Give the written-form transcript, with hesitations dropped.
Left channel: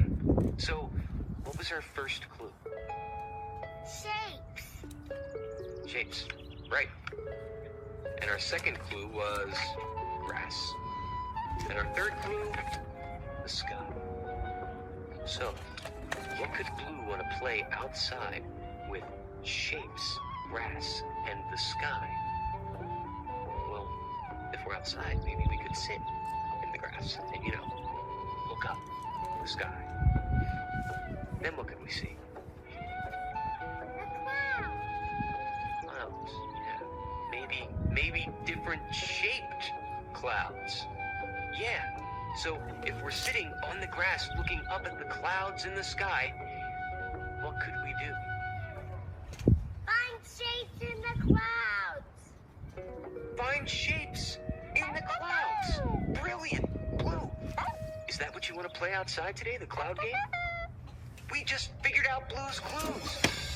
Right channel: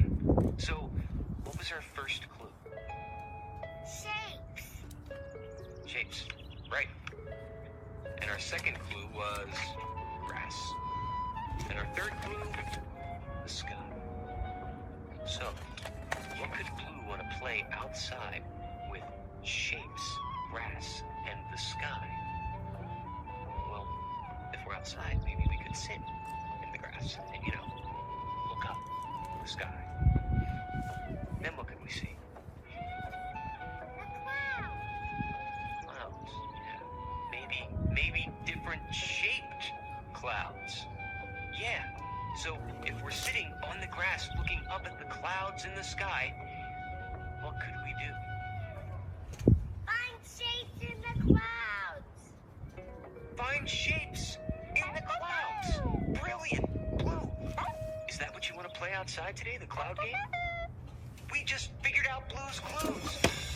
Great. So, what was our first clue? Shapes. Shapes. Right. And our second clue was grass. And our third clue, the sky. So, what could Blue want to play outside with shapes, grass, and the sky? Well, if we're outside, maybe we could sit in the grass and, look up at the sky. Then what could we see? Clouds. Yeah. Maybe different shaped clouds. Yeah. So if we're sitting on the grass looking up at the clouds in the sky, what could we do? Find shapes in the clouds. Find shapes in the clouds. Brilliant. Blue, is that what you want to play outside today, the cloud game? We just figured out Blue's clues.